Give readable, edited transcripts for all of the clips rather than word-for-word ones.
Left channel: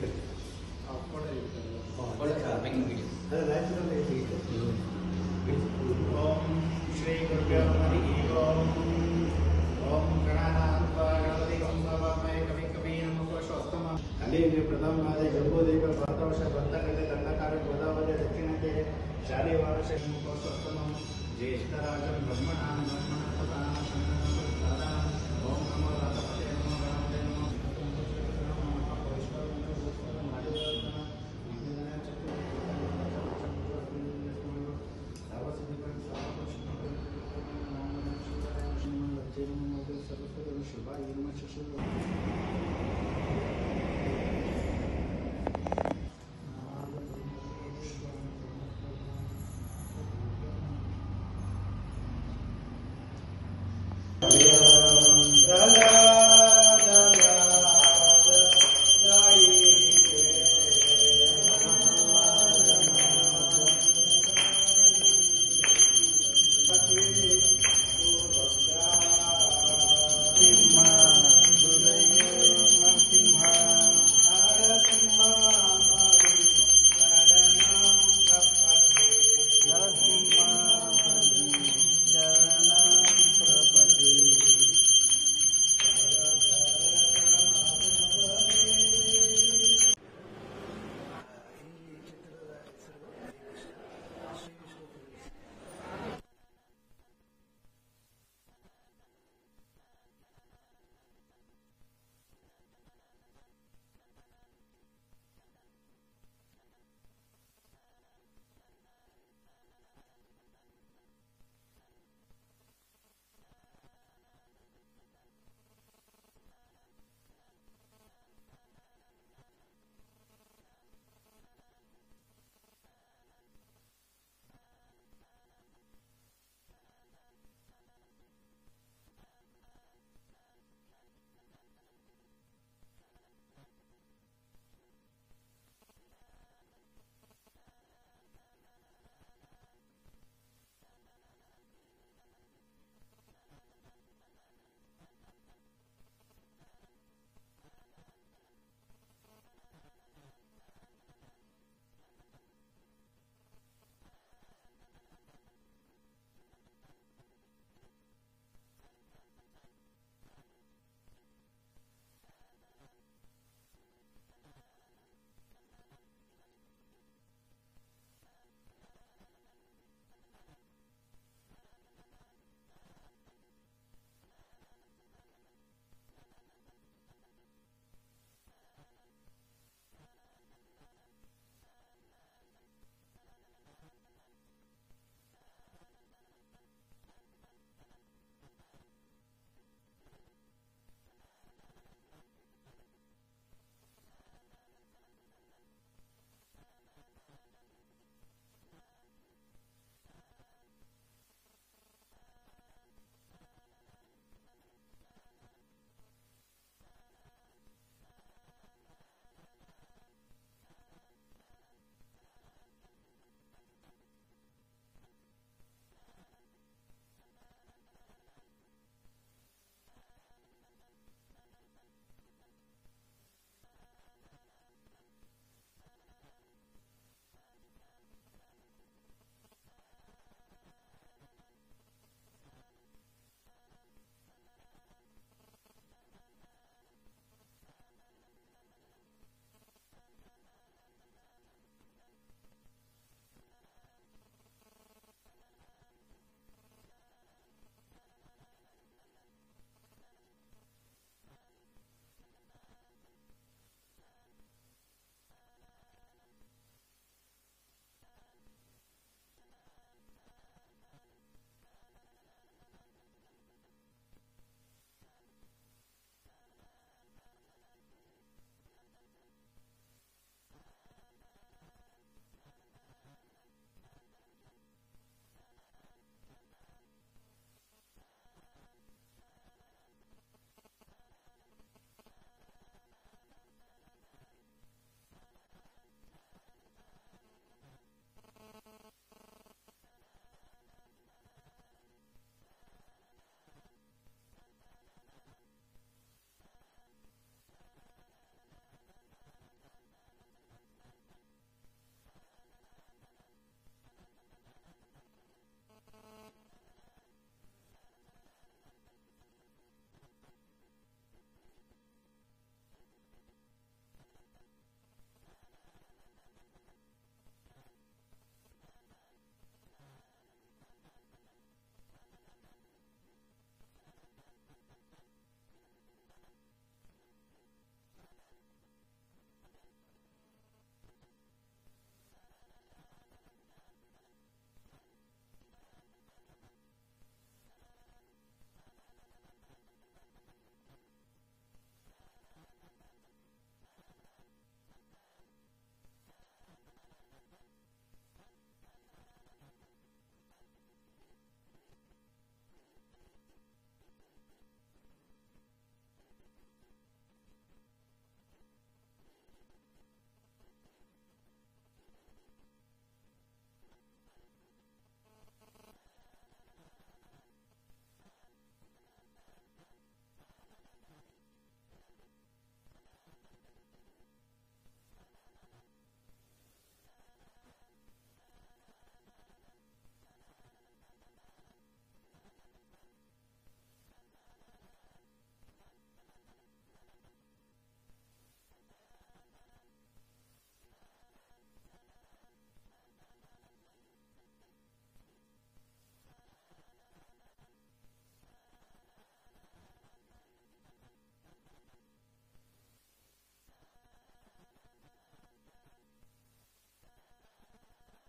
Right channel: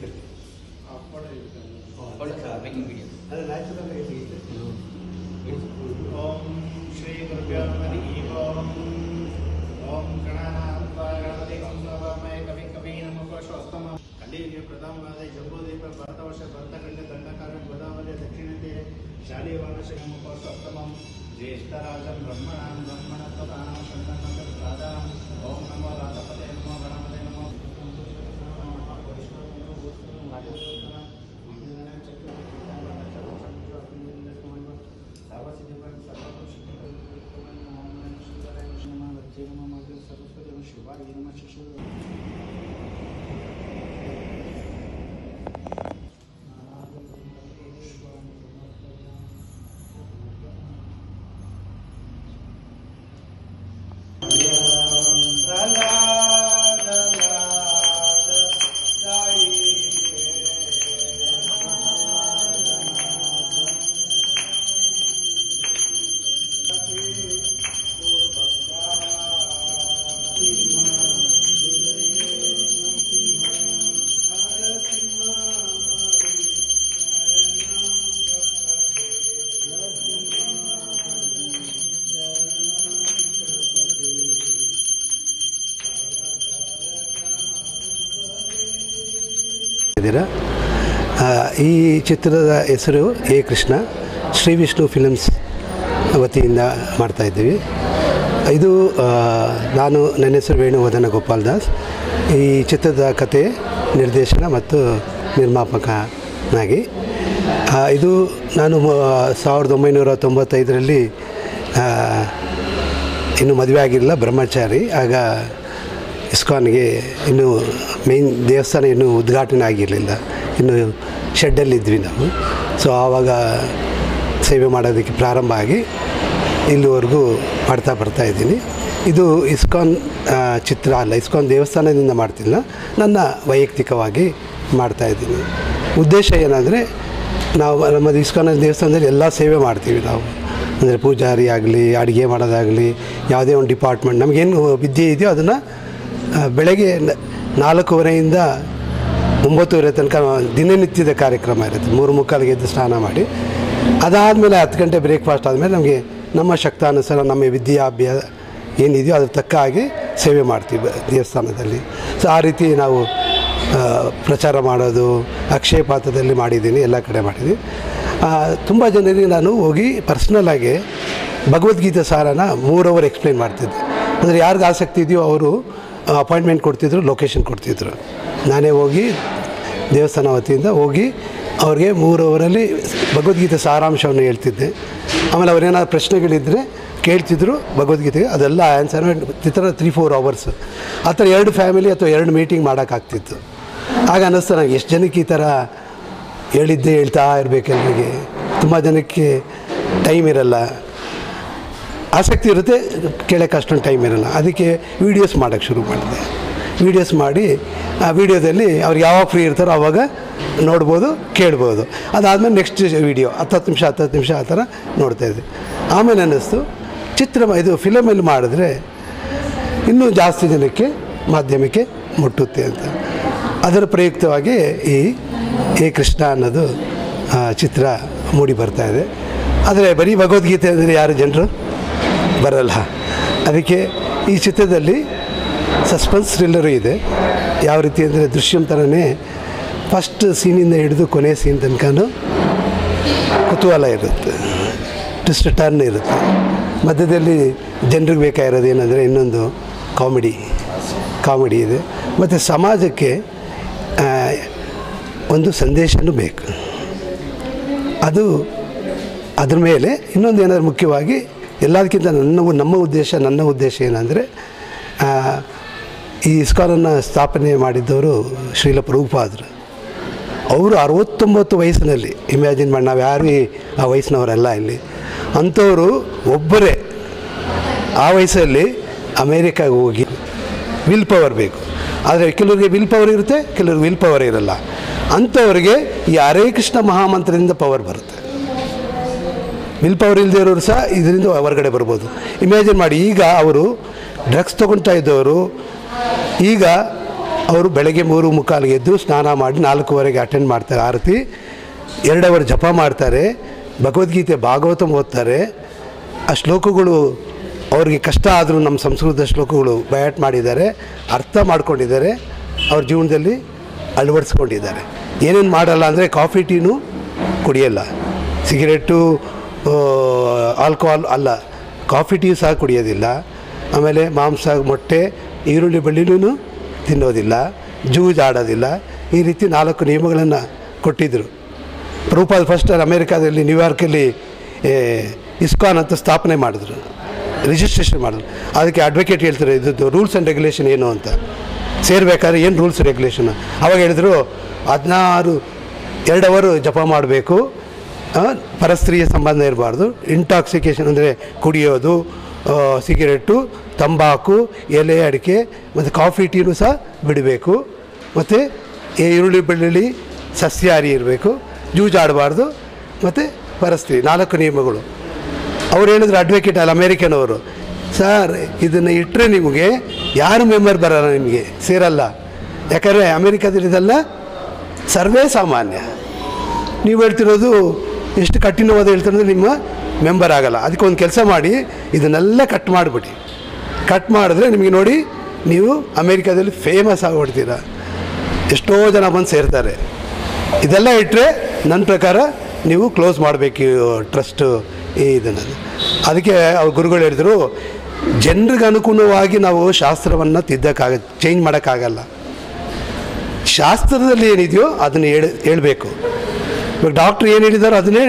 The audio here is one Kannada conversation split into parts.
ಇರ್ತದೆ. ಓಂ ಶ್ರೀ ಗುರುಭ್ಯೋ ನಮಃ. ಓಂ ಗಣಾನಾಥಾಗಣಪತಿ ಗಂಗವಮಯ ಕವಿ ಕವಿ ನಮಃ. ಕಲಿಯುಗೆ ಪ್ರಥಮವಾದ ಜಂಬೂದೇವ ಭಾರತವರ್ಷ ಭರ್ತಕಡೆ ದಂಡಕಾಲ ಗೋದಾವರಿ ದಕ್ಷಿಣಕ್ಕೆ ಶಾಲೆಯ ವಾರಸ ನಮಃ. ಜ್ಯೇಷ್ಠರಾಜಂ ಬ್ರಹ್ಮಣಾಂ ಬ್ರಹ್ಮಣಸ್ಪತಾಂ ಸಂಗಮಂ ಓಂ ನಮೋ ರಾಧಪತೆ ನಮೋ ಗಣಪತೆ ನಮೋ. ಈ ಚಿತ್ರದ ಹೆಸರು ಎ ಕೃಷ್ಣ, ಶ್ರೀ ವಿಷ್ಣು ಫಿಲ್ಮ್ಸ್ ವತಿಯಿಂದ ಮಾಡ್ತಾಯಿದ್ದೀವಿ. ಇದು ನನ್ನ ಹೆಸರು ವೇಣುವರ್ಧನ ಗೋಪಾಲ್ ದಾಸ್. ಈ ಚಿತ್ರದ ಕತೆ, ನಿರ್ದೇಶನ ಮತ್ತು ನಿರ್ಮಾಪಕನಾಗಿ ಇದು ನಾನು 1995ರಲ್ಲಿ ಇನ್ನೂ ಮದುವೆ ಆಗಿರಲಿಲ್ಲ, ಬ್ರಹ್ಮಚಾರಿ. ಆಗ ಇಸ್ಕಾನ್ಗೆ ಇನ್ನೂ ಮೇನ್ ದೇವಸ್ಥಾನ ಇನ್ನೂ ಉದ್ಘಾಟನೆ ಆಗಿರಲಿಲ್ಲ, ಇನ್ನು ಶೆಡ್ಡಲ್ಲಿದ್ವಿ ನಾವು. ಸೊ ಆವಾಗ ಸೇವೆ ಮಾಡೋದಕ್ಕೆ ಪ್ರಾರಂಭ ಆಗಿ ಇಲ್ಲಿವರೆಗೂ ಬರ್ತಾಯಿದ್ದೀನಿ. ಇದು ಇಸ್ಕಾನ್ ಚಿತ್ರ ಅಲ್ಲ, ಇಸ್ಕಾನ್ ದೇವಸ್ಥಾನದಿಂದ ಮಾಡ್ತಿಲ್ಲ, ನನ್ನ ವೈಯಕ್ತಿಕವಾಗಿ ಮಾಡ್ತಾಯಿದ್ದೀನಿ. ಉದ್ದೇಶ ಏನಂದರೆ, ನಾವು ನಮ್ಮ ಇಸ್ಕಾನ್ ದೇವಸ್ಥಾನದಲ್ಲಿ ಎಲ್ಲ ಸೇವೆ ಮಾಡ್ತೀವಿ ನಾವು. ಅಂದರೆ ಪೂಜಾರಿ ಆಗಲಿ, ಅಡುಗೆ ಮಾಡೋದಾಗಲಿ, ಯಾವುದೇ ಒಂದು ಡಿಪಾರ್ಟ್ಮೆಂಟ್ ನಮಗೇನು ವಿದ್ಯೆ ಇದೆಯೋ ಅದನ್ನು ಬೆಳಗ್ಗೆ 4:15 9:30 ತನಕ ದಿನನಿತ್ಯದ ಕಾರ್ಯಕ್ರಮ ಇರುತ್ತೆ. 3:45ಗೆ ಎದ್ದು ಸ್ನಾನ ಮಾಡಿ, ಅದಾದಮೇಲೆ 10 ಗಂಟೆ ಬ್ರೇಕ್ಫಾಸ್ಟ್ ಆದಮೇಲೆ ನಮಗೆ ನಮ್ಮ ಶಕ್ತಾನುಸಾರ ನಮ್ಮ ವಿದ್ಯಾಭ್ಯಾಸ ಏನಿದೆಯೋ ಅದ್ರ ತಕ್ಕ ಹಾಗೆ ಸೇವೆ ಮಾಡ್ತೀವಿ ದೇವಸ್ಥಾನದಲ್ಲಿ. ಸೊ ಆ ರೀತಿ ನಾವು ಪ್ರಚಾರ ಮಾಡೋದು, ಅಕ್ಷಯ ಪಾತ್ರದಲ್ಲಿ ಮಾಡಿದ್ದೀನಿ, ಎಲ್ಲ ಕಡೆ ಮಾಡಿದ್ದೀನಿ. ತುಂಬ ಜನರಿಗೆ ನಾನು ಹೋಗಿ ಪರ್ಸ್ನಲ್ಲಾಗಿ ಭಗವದ್ಗೀತೆ ಸಾರನ 3 ಅವರ್ ಎಕ್ಸ್ಪ್ಲೈನ್ ಮಾಡ್ತಿದ್ದೆ. ಅಂದರೆ ಯಾರಿಗೆ ಆಸಕ್ತಿ ಇದೆಯೋ ಅವರು ಅಪಾಯಿಂಟ್ಮೆಂಟ್ ಕೊಡ್ತಿದ್ರು, ಲೊಕೇಶನ್ ಕೊಡ್ತಿದ್ರು. ನಾನೇ ಹೋಗಿ ದೇವಸ್ಥಾನ ವತಿಯಿಂದ ಹೋಗಿ ಅವ್ರಿಗೆ 3 ಅವರಲ್ಲಿ ಭಗವದ್ಗೀತೆ ಸಾರಾಂಶವನ್ನು ಹೇಳ್ತಿದ್ದೆ. ಆಮೇಲೆ ಅವ್ರೇನಾದ್ರು ಪ್ರಶ್ನೆಗಳಿದ್ದರೆ ಕೇಳ್ತಿದ್ರು ಭಗವದ್ಗೀತೆಗೆ, ಅದೆಲ್ಲ ಆನ್ಸರ್ ಈ ಥರ 3-4 ಅವರ್ಸ್ ಆ ಥರ 2 ಫ್ಯಾಮಿಲಿ ಅಥವಾ 2 ಮೀಟಿಂಗ್ ಮಾಡೋಕ್ಕಾಗ್ತಿತ್ತು. ಆಗ ಅನ್ನಿಸ್ತು ನನಗೆ, ಎಷ್ಟು ಜನಕ್ಕೆ ಈ ಥರ ಹೇಳಿದ್ದೆ ಹೇಳ್ತಾ ಇರಬೇಕು. ಎಲ್ರಿಗೆ ತುಂಬ ಜನಕ್ಕೆ ಟೈಮ್ ಇರಲ್ಲ, ಆಸಕ್ತಿ ಇರುತ್ತೆ, ಕೇಳೋಕ್ಕೆ ಅಷ್ಟೊಂದು ಟೈಮ್ ಇರಲ್ಲ. ಅದಕ್ಕೆ ವೀಡಿಯೋಸ್ ಮಾಡೋಕ್ಕೆ ಶುರು ಮಾಡಿದೆ. ವೀಡಿಯೋಸ್ ಮಾಡಿ ಆ ವೀಡಿಯೋದಲ್ಲಿ ಅವ್ರು ಯಾವಾಗ ಫ್ರೀ ಇರ್ತಾರೋ ಆವಾಗ ನೋಡ್ಬೋದು, ಕೇಳ್ಬೋದು. ಅದಾದಮೇಲೆ ನೆಕ್ಸ್ಟ್ ವೀಡಿಯೋ 10 ನಿಮಿಷ ಆ ಥರ ನೋಡ್ತಾಯಿದ್ದೆ. ಆಮೇಲೆ ಅನ್ನಿಸ್ತು, ಇದು ಫಿಲಮಲ್ಲಿ ಮಾಡಿದ್ರೆ ಇನ್ನೂ ಜಾಸ್ತಿ ಜನಕ್ಕೆ ಮಾಧ್ಯಮಕ್ಕೆ ಮುಟ್ಟುತ್ತೆ ಅಂತ. ಅದರ ಪ್ರಯುಕ್ತವಾಗಿ ಈ ಎ ಕೃಷ್ಣ ಅನ್ನೋದು ಚಿತ್ರ ಮೂಡಿ ಬರ್ತಾಯಿದೆ. ಆದರೆ ಬರೀ ಭಗವದ್ಗೀತೆ ಅಂದರೆ ಯಾರು ಜನರು ಬರಲ್ಲ. ಅದಕ್ಕೆ ಈ ಚಿತ್ರದಲ್ಲಿ ಸಸ್ಪೆನ್ಸ್ ಥ್ರಿಲ್ಲರು ಇದೆ. ಯಾವ ರೀತಿ ಅಂದರೆ ದೃಶ್ಯಂ ಥರನೇ ಫಸ್ಟ್ ಸೀನಿಂದ ಹಿಡಿದು ಕೊನೆ ಸೀನ್ ತನಕನೂ ಕುತೂಹಲ ಇರುತ್ತೆ, ಟ್ವಿಸ್ಟ್ ಟರ್ನ್ ಇರುತ್ತೆ. ಮಧ್ಯದಲ್ಲಿ ಜನರಿಗೆ ಬೇಕಾಗಿರೋದು ಏನಂದರೆ ಇನ್ನೊಂದು ಕಾಮಿಡಿ ಇದೆ. ಮತ್ತು ಸಮಾಜಕ್ಕೆ ಒಂದು ಸಂದೇಶನೂ ಬೇಕು. ಅದ್ರ ಮೇಲೆ ಇನ್ನೊಂದು ಏನಾದರೂ ಮುಖ್ಯವಾಗಿ ಎಲ್ಲದಕ್ಕಿಂತ ನನ್ನ ಉದ್ದೇಶ ಏನಂದರೆ, ಈ ಇಸ್ಕಾನನ್ನು ಸ್ಥಾಪನೆ ಮಾಡಿದ್ದವರು ಶ್ರೀಲ ಪ್ರಭುಪಾದರು. ಅವರು 69 ವಯಸ್ಸಿನಲ್ಲಿ, ಇಮ್ಯಾಜಿನ್ ಮಾಡಿ, ನಾವು ಯಾರು ಆ ವಯಸ್ಸಿನವರೆಲ್ಲ ಇಲ್ಲಿ. ಅಂಥವರು ಒಬ್ಬರೇ ಆ ವಯಸ್ಸಲ್ಲಿ ಅಮೇರಿಕಾಗೆ ಹೋಗಿ, ವಿಲ್ ಪವರ್ ಬೇಕು. ಆದರೆ ಕೆಲವರಿಗೆ ವಿಲ್ ಪವರ್ ಇರುತ್ತೆ, ಕೆಲವ್ರಿಗೆ ವಿಲ್ ಪವರ್ ಇರಲ್ಲ. ಅಂಥವ್ರಿಗೆ ಈ ಹರೇ ಕೃಷ್ಣ ಮಹಾಮಂತ್ರದಿಂದ ಪವರ್ ಬರುತ್ತೆ. ವಿಲ್ ಪವರ್ ಇಲ್ಲದೆ ಇರೋರು ಸಹ ಇದರಿಂದ ಹೊರಗಡೆ ಬರ್ಬೋದು. ಇಮ್ಯಾಜಿನ್ ಮಾಡಿ, ಈಗ ಅವರು ಡ್ರಗ್ಸ್ ತೊಗೊಳ್ತಾ ಇದ್ದವರು ಈಗ ಅವರು ಬೆಳಗ್ಗೆ 3:45 ಎದ್ದು ಸ್ನಾನ ಮಾಡಿ 4:15 ಅಟೆಂಡ್ ಮಾಡ್ತಾರೆ ಆರತಿ. 2 ಅವರ್ ಜಪ ಮಾಡ್ತಾರೆ, ಭಗವದ್ಗೀತೆ ಭಾಗವತಂ ಓದ್ತಾರೆ. ಆ ಶ್ಲೋಕಗಳು ಅವ್ರಿಗೆ ಕಷ್ಟ ಆದರೂ ನಮ್ಮ ಸಂಸ್ಕೃತ ಶ್ಲೋಕಗಳು ಬಯಾಟ್ ಮಾಡಿದ್ದಾರೆ, ಅರ್ಥ ಮಾಡ್ಕೊಂಡಿದ್ದಾರೆ, ಅವ್ರ ಜೀವನದಲ್ಲಿ ಅಳವಡಿಸ್ಕೊಂಡಿದ್ದಾರೆ. ಏನೇನು ಮಾಡಲ್ಲ ಅಂದರೆ ಕಾಫಿ ಟೀನೂ ಕುಡಿಯಲ್ಲ, ಸಿಗರೇಟು ಆಲ್ಕೋಹಾಲ್ ಅಲ್ಲ, ಕಾಫಿ ಟೀ ಸಹ ಕುಡಿಯೋದಿಲ್ಲ. ಆಮೇಲೆ ಮಾಂಸ, ಮೊಟ್ಟೆ, ಈರುಳ್ಳಿ ಬೆಳ್ಳುಳ್ಳಿನೂ ತಿನ್ನೋದಿಲ್ಲ, ಜೂಜ್ ಆಡೋದಿಲ್ಲ. ಈ ರೀತಿ 4 ನಿಯಮಗಳನ್ನು ಕೊಟ್ಟಿದ್ದರು. ಪ್ರಭುಪಾದ ಫಸ್ಟ್ ಅಮೇರಿಕಾದಲ್ಲಿ ನ್ಯೂಯಾರ್ಕಲ್ಲಿ ಇಸ್ಕಾನ್ ಅಂತ ಸ್ಥಾಪನೆ ಮಾಡಿದ್ರು, ರಿಜಿಸ್ಟ್ರೇಷನ್ ಮಾಡಿದ್ರು. ಅದಕ್ಕೆ ಅಡ್ವೊಕೇಟ್ ಹೇಳ್ತಾರೆ ಇದ್ದು ರೂಲ್ಸ್ ಆ್ಯಂಡ್ ರೆಗ್ಯುಲೇಷನ್ ಏನು ಅಂತ. ಸೇರಬೇಕಾದ್ರೆ ಏನು ರೂಲ್ಸ್ ರೆಗ್ಯುಲೇಷನ್ ಅವಾಗ ಹೇಳಿದ್ರು 2 ಅವರ್ ಜಪ ಮಾಡಬೇಕು, ಪರಸ್ತ್ರೀಯ ಸಂಬಂಧ ಇರಬಾರ್ದು, ಇಂಟಾಕ್ಸಿಕೇಷನ್ ಅಂದರೆ ಕುಡಿಯೋದು, ಸಿಗರೇಟು, ತಂಬಾಕು, ಎಲೆ ಅಡಿಕೆ ಮತ್ತು ಕಾಫಿ ಟೀನೂ ಸಹ ಬಿಡಬೇಕು, ಮತ್ತು ಈರುಳ್ಳಿ ಬೆಳ್ಳುಳ್ಳಿ ಸಸ್ಯಾಹಾರಿ ಇರಬೇಕು, ಜೂಜಾಡಬಾರ್ದು, ಮತ್ತು ಪರಸ್ತ್ರೀ 4 ನಿಯಮಗಳು. ಅವ್ರು ಹೇಳಿದ್ರು ಅಡ್ವೊಕೇಟ್ ಅಲ್ಲಿ ಅಮೇರಿಕನ್ ಅವರು, ಸರ್ ಇದನ್ನು ಇಟ್ಟರೆ ನಿಮಗೆ ಯಾರು ಮೆಂಬರ್ ಬರೋಲ್ಲ, ನಿಮಗೆ ಸೇರಲ್ಲ. ಯಾಕಂದರೆ ಅಮೇರಿಕಾದಲ್ಲಿ ಇದೆಲ್ಲ ಸರ್ವೇ ಸಾಮಾನ್ಯ. ನೀವು ಹೇಳ್ತಿರೋದು ಎಷ್ಟು ಕಠಿಣವಾದ ಹೇಳ್ತಿರೋದು ನಿಮ್ಮ ಮೆಂಬರ್ ಆಗಲ್ಲ. ಅದಕ್ಕೆ ಒಂದು ಕೆಲಸ ಮಾಡಿ, ಇದನ್ನೆಲ್ಲ ಕಟ್ ಮಾಡಿಬಿಡಿ. ಕಟ್ ಮಾಡಿದ್ರೆ ನಿಮಗೆ ನೋಡಿ ನೀವು ಅಮೇರಿಕಾದಲ್ಲಿ ಫೇಮಸ್ ಆಗಿಬಿಡ್ತೀರ, ಎಷ್ಟೋ ಜನ ಬಂದು ಸೇರ್ತಾರೆ. ಇದೆಲ್ಲ ಇಟ್ಟರೆ ನನ್ನ ಪ್ರಕಾರ ನೀವು ಕ್ಲೋಸ್ ಮಾಡಬೇಕು ಟ್ರಸ್ಟು ಇದನ್ನು. ಅದಕ್ಕೆ ಅವ್ರ ಗುರುಗಳು ಹೇಳಿದರು, ಜನರಿಗೆ ಅನುಗುಣವಾಗಿ ನಾವು ಶಾಸ್ತ್ರವನ್ನು ಚೇಂಜ್ ಮಾಡೋಕ್ಕಾಗಲ್ಲ. ಶಾಸ್ತ್ರದಲ್ಲಿ ಏನಿದೆಯೋ ಅದನ್ನು ಹೇಳಬೇಕು. ಇವಾಗ ಡಾಕ್ಟ್ರ್ ಏನು ಹೇಳಿದಾರೋ ಅದನ್ನೇ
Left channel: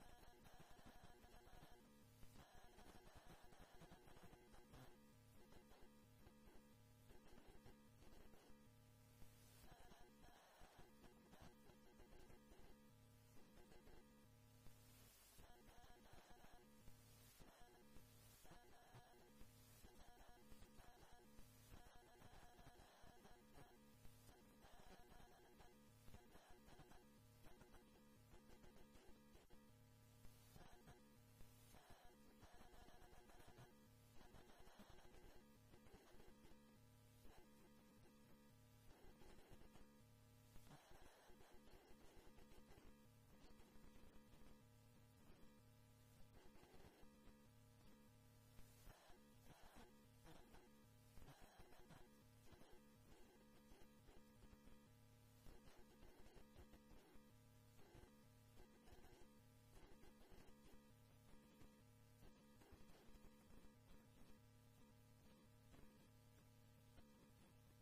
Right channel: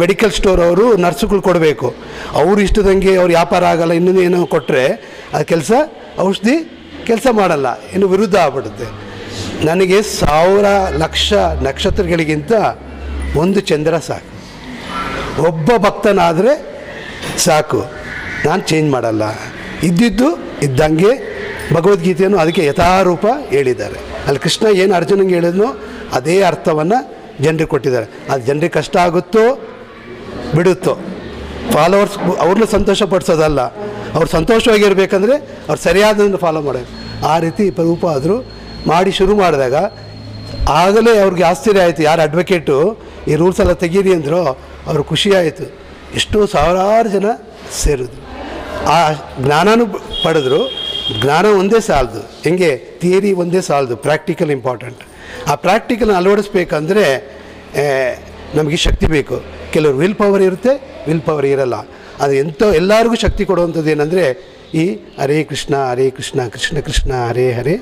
ಮೆಡಿಕಲ್ ಸ್ಟೋರ್ ಅವರು ನರ್ಸುಗಳು ಕೊಡಬೇಕು. ಅವರು ಇಷ್ಟದಂಗೆ ಅವ್ರು ವ್ಯಾಪಾರ ಆಗಲ್ಲ, ಇನ್ನೊಂದು ಏನೋ ಕೊಟ್ಟರೆ ಅದು ಕೆಲಸ ಔಷಧಿ ಕೆಲಸ ಮಾಡಲ್ಲ, ಇನ್ನು ವಿರುದ್ಧ ಆಗ್ಬಿಡುತ್ತೆ. ನನಗೆ 1000 ಲಕ್ಷ ನಕ್ಷತ್ರಗಳಿಗಿಂತ ಒಂದು ಚಂದ್ರ ಸಾಕು, ಒಬ್ಬ ಭಕ್ತನಾದರೆ ಸಾಕು, ನಾನು ಚೇಂಜ್ ಮಾಡಲ್ಲ. ಇದ್ದಿದ್ದು ಇದ್ದಂಗೆ ಭಗವದ್ಗೀತೆಯನ್ನು ಅದಕ್ಕೆ ಯಥಾರೂಪ ಹೇಳಿದ್ದಾರೆ. ಅಲ್ಲಿ ಕೃಷ್ಣ ಏನು ಅರ್ಜುನಂಗೆ ಹೇಳಿದ್ನೋ ಅದೇ ಅರ್ಥವನ್ನು ಜನರಿಗೆ ಕೊಟ್ಟಿದ್ದಾರೆ. ಅದು ಜನರಿಗೆ ಕಷ್ಟ ಆಗುತ್ತೋ ಬಿಡುತ್ತೋ, ಫಾಲೋವರ್ಸ್ ಅವ್ರನ್ನ ಸಂತೋಷಪಡಿಸೋದಲ್ಲ, ಅವ್ರು ಸಂತೋಷವಾಗಿರ್ಬೇಕಂದ್ರೆ ಅವ್ರು ಸರಿಯಾದನ್ನು ಫಾಲೋ ಮಾಡೋದು. ಆ ರೀತಿ ಪ್ರಭುಪಾದರು ಮಾಡಿ ಶುರು ಮಾಡಿದಾಗ ಆಗಲೇ ಅವ್ರಿಗೆ ಆಶ್ಚರ್ಯ ಆಯಿತು. ಯಾರು ಅಡ್ವೊಕೇಟು ಈ ರೂಲ್ಸ್ ಎಲ್ಲ ತೆಗೀರಿ ಅಂದರು, ಅವ್ರು ಖುಷಿ ಆಯಿತು. ಎಷ್ಟೋ ಸಾವಿರಾರು ಜನ ಸೇರಿದ್ರು, ಆ ಜ್ಞಾನನೂ ಪಡೆದ್ರು. ಜ್ಞಾನ ಒಂದೇ ಸಾಲದು, ಹೆಂಗೆ ಥಿಯರಿ ಒಂದೇ ಸಾಲದು, ಪ್ರಾಕ್ಟಿಕಲ್ ಇಂಪಾರ್ಟೆಂಟ್. ಆ ಪ್ರಾಕ್ಟಿಕಲ್ನ ಅಳವಡಿಸ್ಬೇಕಂದ್ರೆ ನಮಗೆ ಶಕ್ತಿ ಬೇಕು. ಕೆಲವರು ವಿಲ್ ಪವರ್ ಇರುತ್ತೆ, ವಿಲ್ ಪವರ್ ಇರಲ್ಲ. ಅದು ಎಲ್ಲರಿಗೂ ಶಕ್ತಿ ಕೊಡುವಂಥದ್ದು ಏನಂದರೆ ಈ ಹರೇ ಕೃಷ್ಣ ಕೃಷ್ಣ ಕೃಷ್ಣ ಹರೇ ಹರೇ,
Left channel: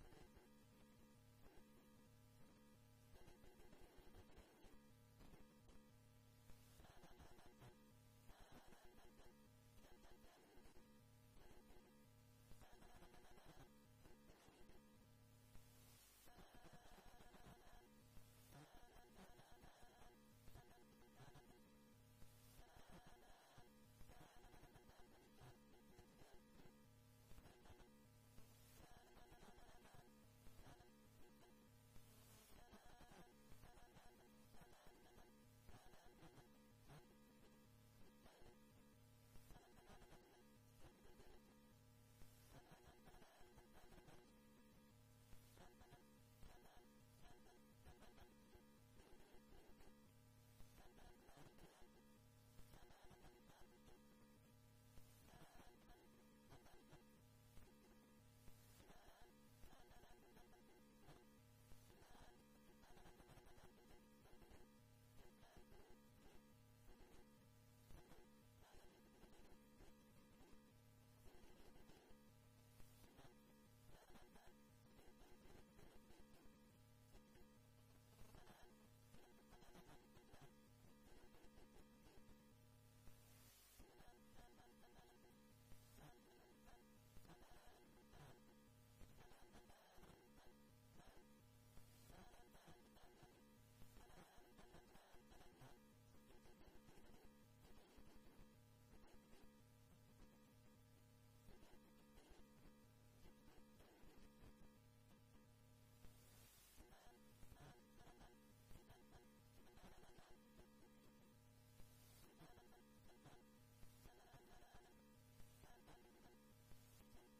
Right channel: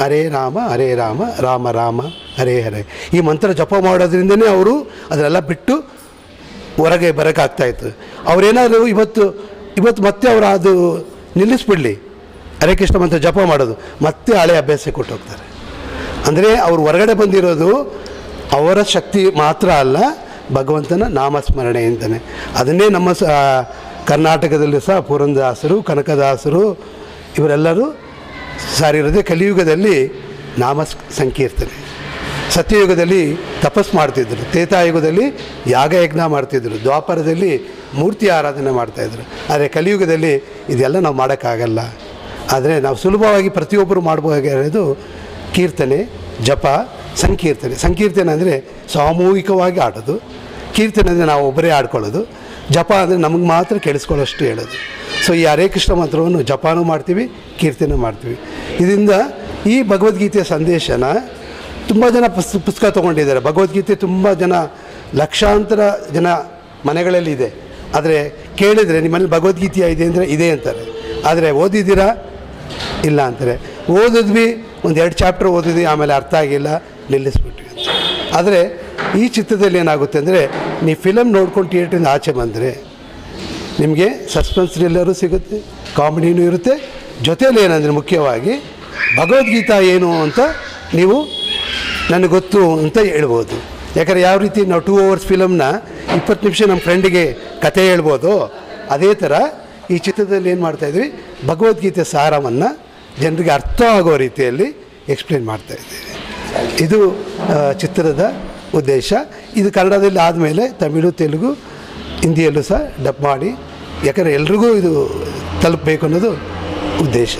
ಹರೇ ರಾಮ ರಾಮ ರಾಮ ಹರೇ ಹರೇ. ಈ ಮಂತ್ರ ಜಪ ಮಾಡೋದ್ರಿಂದನೇ ಅವರು ಅದನ್ನೆಲ್ಲ ಬಿಟ್ಟು ಹೊರಗೆ ಬರೋಕ್ಕಾಗ್ತಾಯಿತ್ತು. ಅವರೇನಾದರೂ ಇವತ್ತು ಮತ್ತೆ ಅವರು ಅದು ನಿಲ್ಲಿಸ್ಬಿಡಲಿ, ಹರೇ ಕೃಷ್ಣ ಮಂತ್ರ ಜಪ ಮಾಡೋದು, ಮತ್ತೆ ಹಳೆ ಅಭ್ಯಾಸ ಕೊಟ್ಟು ಹೋಗ್ತಾರೆ. ಅಂದರೆ ಅವರು ಹೊರಗಡೆ ಬಂದಿರೋದು ಅವರ ಶಕ್ತಿ ಮಾತ್ರ ಅಲ್ಲ, ಭಗವಂತನ ನಾಮಸ್ಮರಣೆ ಅಂತಲೇ. ಅದನ್ನೇ ನಮ್ಮ ಕರ್ನಾಟಕದಲ್ಲಿ ಸಹ ಪುರಂದರದಾಸರು, ಕನಕದಾಸರು ಇವರೆಲ್ಲರೂ ಸಾರಿರೋದೇ. ಕಲಿಯುಗದಲ್ಲಿ ನಾಮ ಸಂಕೀರ್ತನೆ, ಸತ್ಯಯುಗದಲ್ಲಿ ತಪಸ್ ಮಾಡ್ತಿದ್ರು, ತ್ರೇತಾಯುಗದಲ್ಲಿ ಯಾಗಯಜ್ಞ ಮಾಡ್ತಿದ್ರು, ದ್ವಾಪರದಲ್ಲಿ ಮೂರ್ತಿ ಆರಾಧನೆ ಮಾಡ್ತಾಯಿದ್ರು. ಆದರೆ ಕಲಿಯುಗದಲ್ಲಿ ಇದೆಲ್ಲ ನಾವು ಮಾಡೋಕ್ಕಾಗಲ್ಲ. ಆದರೆ ನಾವು ಸುಲಭವಾಗಿ ಪ್ರತಿಯೊಬ್ಬರು ಮಾಡಬಹುದಾಗಿರೋದು ಕೀರ್ತನೆ, ಜಪ, ಸಂಕೀರ್ತನೆ. ಸಂಕೀರ್ತನೆ ಅಂದರೆ ಸಾಮೂಹಿಕವಾಗಿ ಆಡೋದು, ಕೀರ್ತನೆ ಅಂದರೆ ನಾವು ಒಬ್ಬರೇ ಆಡ್ಕೊಳ್ಳೋದು, ಜಪ ಅಂದರೆ ನಮಗೆ ಮಾತ್ರ ಕೇಳಿಸ್ಕೊಳ್ಳೋಷ್ಟು ಹೇಳೋದು. ಸೊ ಈ ಹರೇ ಕೃಷ್ಣ ಮಂತ್ರವನ್ನು ಜಪಾನೂ ಮಾಡ್ತೀವಿ, ಕೀರ್ತನೆ ಮಾಡ್ತೀವಿ. ಇದರಿಂದ ಈ ಭಗವದ್ಗೀತೆಯ ಸಂದೇಶನ ತುಂಬ ಜನ ಪುಸ್ತಕ ತೊಗೊಂಡಿದ್ದಾರೆ. ಭಗವದ್ಗೀತೆ ತುಂಬ ಜನ, ಲಕ್ಷಾಂತರ ಜನ ಮನೆಗಳಲ್ಲಿ ಇದೆ. ಆದರೆ ಕೇಳಿದರೆ ನಿಮ್ಮಲ್ಲಿ ಭಗವದ್ಗೀತೆಯ ಇದೆ ಅಂದರೆ ಇದೆ ಅಂತಾರೆ. ಆದರೆ ಓದಿದ್ದೀರಾ ಇಲ್ಲ ಅಂತಾರೆ. ಓದಿದ್ವಿ, 1-2 ಚಾಪ್ಟರ್ ಓದಿದ್ವಿ, ಆಮೇಲೆ ಅರ್ಥ ಆಗಿಲ್ಲ, ನಿಲ್ಲಿಸ್ಬಿಟ್ವಿ ಅಂತ. ಆದರೆ ಈ ಚಿತ್ರದಲ್ಲಿ ಏನಾಗುತ್ತೆ ಅಂದರೆ, ನೀವು ಫಿಲಮ್ ನೋಡ್ಕೊಂಡು ಥಿಯೇಟ್ರಿಂದ ಆಚೆ ಬಂದರೆ ನಿಮಗೆ ಸಸ್ಪೆನ್ಸ್ ಥ್ರಿಲ್ಲರು ಸಿಗುತ್ತೆ, ಕಾಮಿಡಿನೂ ಇರುತ್ತೆ. ಜೊತೆಯಲ್ಲಿ ಏನಂದರೆ ಮುಖ್ಯವಾಗಿ ಭಗವದ್ಗೀತಾ ಏನು ಅಂತ ನೀವು ನನಗೆ ಗೊತ್ತು ಅಂತ ಹೇಳ್ಬೋದು. ಯಾಕಂದರೆ ಯಾವ ರೀತಿ ನಾವು 2 hours ಫಿಲಮ್ನ 20 ನಿಮಿಷ ನಮ್ಮ ಫ್ರೆಂಡಿಗೆ ಕತೆ ಹೇಳ್ಬೋದು, ಅದೇ ಥರ ಈ ಚಿತ್ರದಲ್ಲಿ ಏನು ಮಾಡ್ತಾಯಿದ್ವಿ, ಭಗವದ್ಗೀತೆ ಸಾರವನ್ನು ಜನರಿಗೆ ಅರ್ಥ ಆಗೋ ರೀತಿಯಲ್ಲಿ ಎಕ್ಸ್ಪ್ಲೇನ್ ಮಾಡ್ತಾಯಿದ್ದೀವಿ. ಇದು ಚಿತ್ರದ ಉದ್ದೇಶ. ಇದು ಕನ್ನಡದಲ್ಲಿ ಆದಮೇಲೆ ತಮಿಳು, ತೆಲುಗು, ಹಿಂದಿಯಲ್ಲೂ ಸಹ ಡಬ್ ಮಾಡಿ, ಯಾಕಂದರೆ ಎಲ್ರಿಗೂ ಇದು ತಲುಪಬೇಕು ಅನ್ನೋದು ಉದ್ದೇಶ.